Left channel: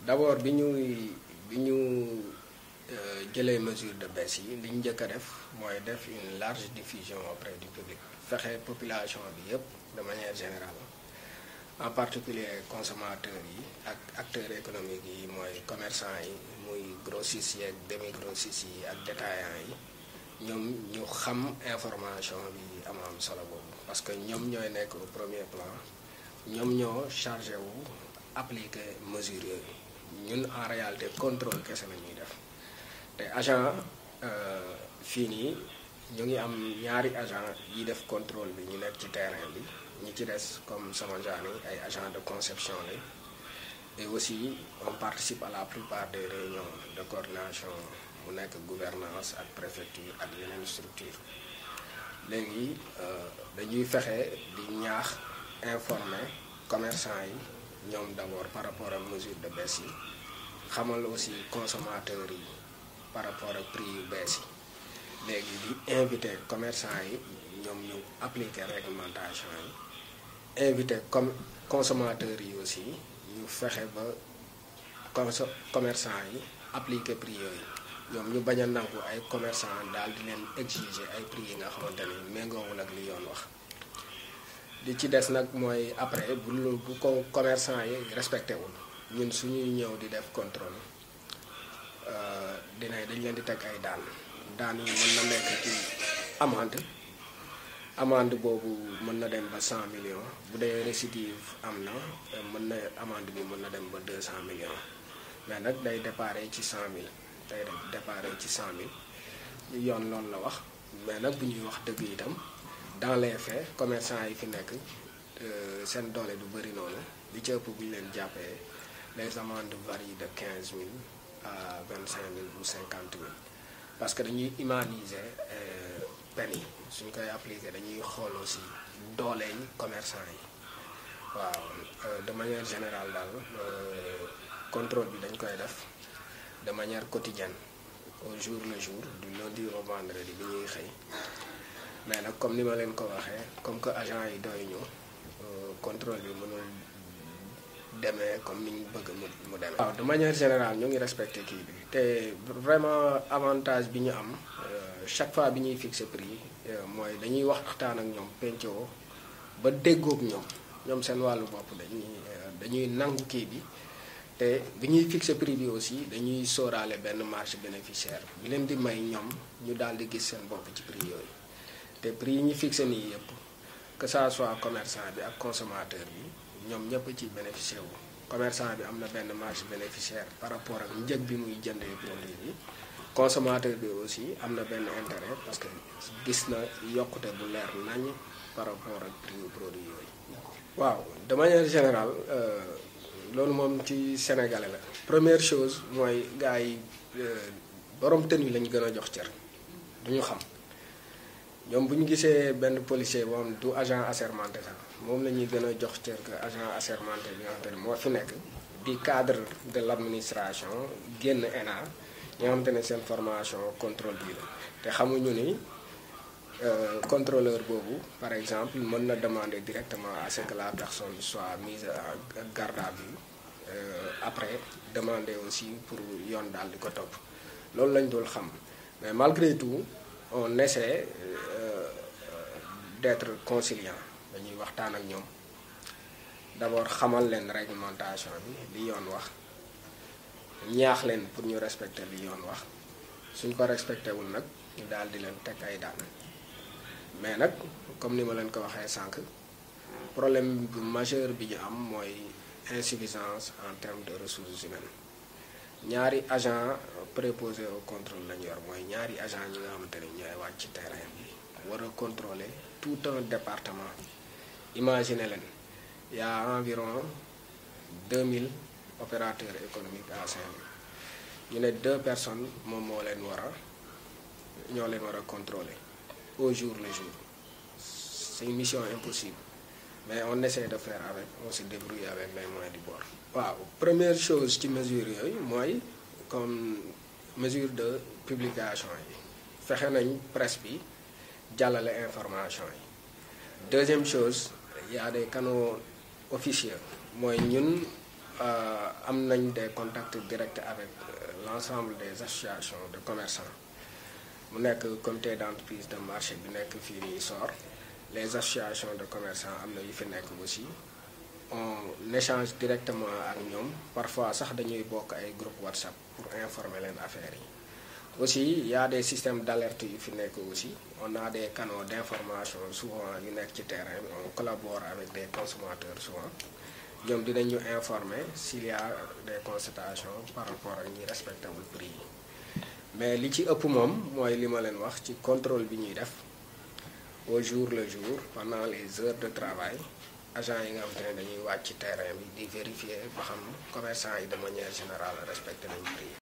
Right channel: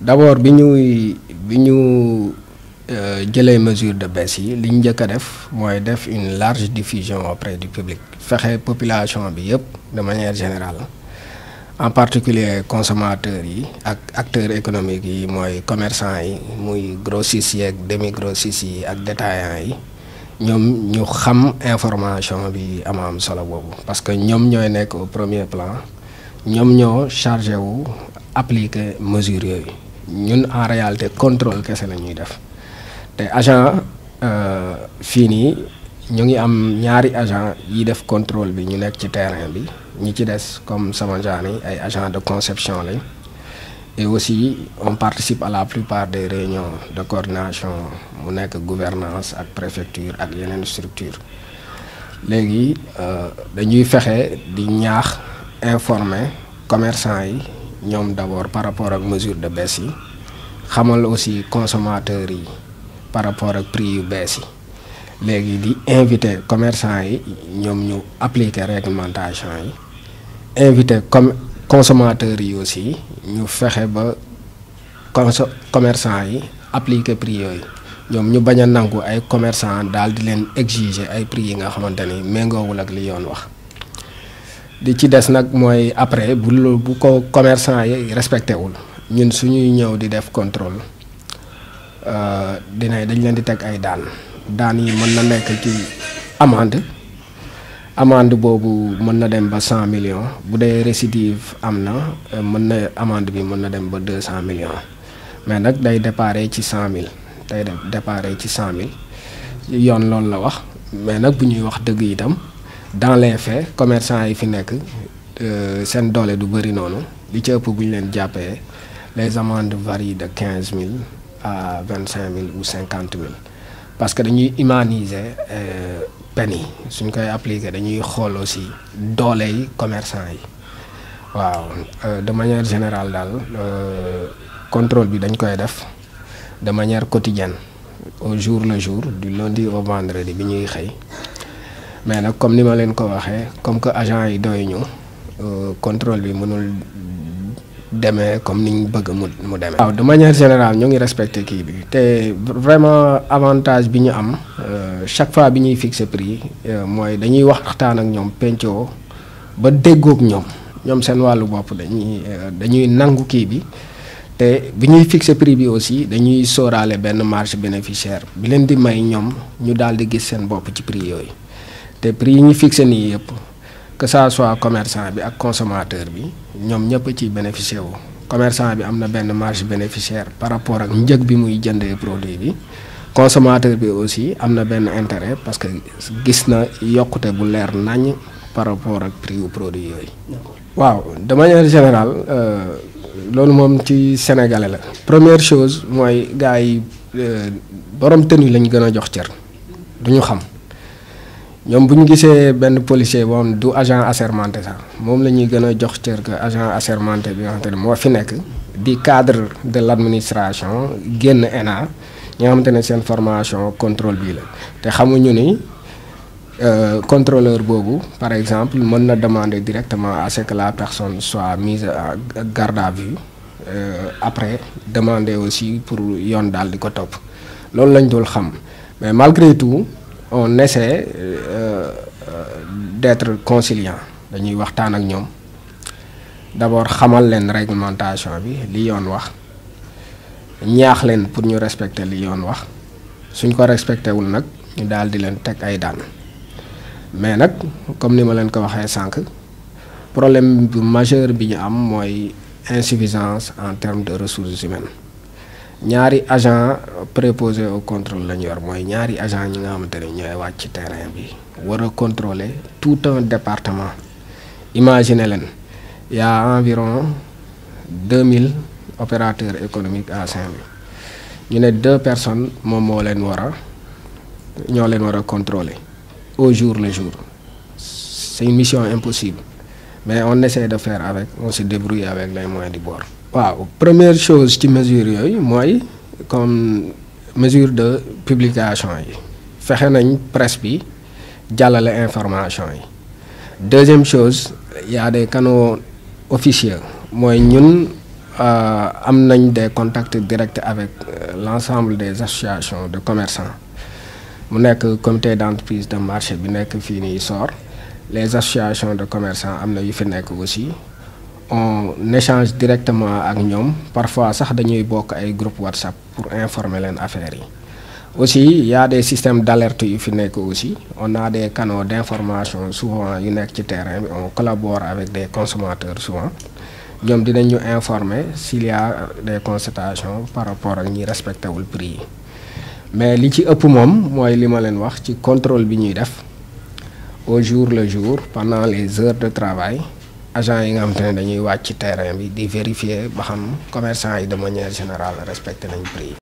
d'abord bi ñu jëlee mesure de baisse yi li ñu njëkk a def mooy def une large diffusion auprès du public fexe population bi yëpp de manière générale en particulier consommateurs yi ak acteurs économiques yi mooy commerçants yi muy grossistes yi ak demi grossistes yi ak détaillants yi ñoom ñu xam information bi am solo boobu parce que ñoom ñooy nekk au premier plan ñoom ñoo chargé wu appliquer mesures yooyu ñun en réalité contrôle kese la ñuy def te agent fii nii ñu ngi am ñaari agent yi def contrôle bi ñu nekk ci terrain bi ñi ci des comme sama genre yi ay agent de conception lañ et aussi on participe à la plupart des réunions de coordination mu nekk gouvernance ak préfecture ak yeneen structure léegi dañuy fexe di ñaax informer commerçant yi ñoom d'abord par rapport ak mesure de baisse yi xamal aussi consommateurs yi par rapport ak prix yu bees yi léegi di inviter commerçant yi ñoom ñu appliquer réglementation yi inviter consommateurs yi aussi ñu fexe ba commerçant yi appliquer prix yooyu ñoom ñu bañ a nangu ay commerçant daal di leen exiger ay prix yi nga xamante ni méngoowul ak li yoon wax di ci des nag mooy après bu ko commerçant yi respecté wul ñun suñuy ñëw di def contrôle dañ leen di teg ay daan yi mën na nekk ci amende boobu mën na dem ba 100 millions bu dee récidive am na mën na amende bi mën na dem ba 200 millions mais nag day déparé ci 100 000 day déparé ci 100 000 yoon loolu la wax mais nag bu ñuy wax dëgg itam dans les faits commerçant yi fi nekk seen doole du bëri noonu li ci ëpp bu ñu leen jàppee les amendes varient de 15 000 à 25 000 ou 50 000 parce que dañuy humaniser peine yi suñ koy appliquer dañuy xool aussi doole yi commerçant yi waaw de manière générale daal contrôle bi dañ koy def de manière quotidienne au jour le jour du lundi au vendredi bi ñuy xëy mais nag comme ni ma leen ko waxee comme que agent yi doy ñu contrôle bi mënul demee comme ni ñu bëgg mu demee. waaw de manière générale ñu ngi respecté kii bi te vraiment avantage bi ñu am chaque fois bi ñuy fixer prix mooy dañuy waxtaan ak ñoom pencoo ba déggoog ñoom seen wàllu bopp dañuy nangu kii bi te bi ñuy fixer prix bi aussi dañuy sóoraale benn marge bénéficiaire bi leen di may ñoom ñu daal di gis seen bopp ci prix yooyu te prix yi ñu fixer nii yëpp. que ça soit commerçant bi ak consommateur bi ñoom ñëpp ci bénéficier wu commerçant bi am na benn marge bénéficiaire par rapport ak njëg bi muy jëndee produit bi consommateur bi aussi am na benn intérêt parce que gis na yokkute bu leer nañ par rapport ak prix wu produit yooyu. waaw de manière générale loolu moom ci sénégalais la première chose mooy gars yi borom tenue lañ gën a jox cër duñu xam. ñoom bu ñu gisee benn policier boo xam du agent assermenté sax moom la ñuy gën a jox cër que agent assermenté bi nga xamante ne moo fi nekk di cadre de l' administration génn ENA ñi nga xamante ne seen formation contrôle bii la te xamuñu ni contrôleur boobu par exemple mën na demander directement à ce que la personne soit mise à garde à vue après demander aussi pour yoon daal di ko topp loolu lañ dul xam mais malgré tout. On essaie d'être conciliant dañuy waxtaan ak ñoom d'abord xamal leen réglementation bi li yoon wax ñaax leen pour ñu respecter li yoon wax suñ ko respecté wul nag ñu daal di leen teg ay daan mais nag comme ni ma leen ko waxee sànq problème bu majeur bi ñu am mooy insuffisance en termes de ressources humaines ñaari agent préposé au contrôle la ñu yor mooy ñaari agent ñi nga xamante ne ñooy wàcc ci terrain bi war a contrôler tout un département imaginez leen y a environ 2000 opérateurs économiques à Saint-Louis ñu ne 2 personnes moom ñoo leen war a contrôler au jour le jour c'est une mission impossible mais on essaie de faire avec on se débrouille avec les moyens du bord. waaw première chose ci mesure yooyu mooy comme mesure de publication yi fexe nañ presse bi jàllale information yi deuxième chose y a des canaux officieux mooy ñun am nañ des contacts directs avec l'ensemble des associations de commerçants mu nekk comité d'entreprise de marché bi nekk fii nii SOR les associations de commerçants am na yu fi nekk aussi on échange directement ak ñoom parfois sax dañuy bokk ay groupe WhatsApp pour informer leen affaires yi aussi il y a des systèmes d'alerte yu fi nekk aussi on a des canaux d'information souvent yu nekk ci terrain bi on collabore avec des consommateurs souvent ñoom dinañ ñu informer s'il y a des constatations par rapport ak ñi respecté wul prix yi mais li ci ëpp moom mooy li ma leen wax ci contrôle bi ñuy def au jour le jour pendant les heures de travail agents yi nga xam te ne dañuy wàcc ci terrain bi di vérifier ba xam commerçants yi de manière générale respecté nañ prix yi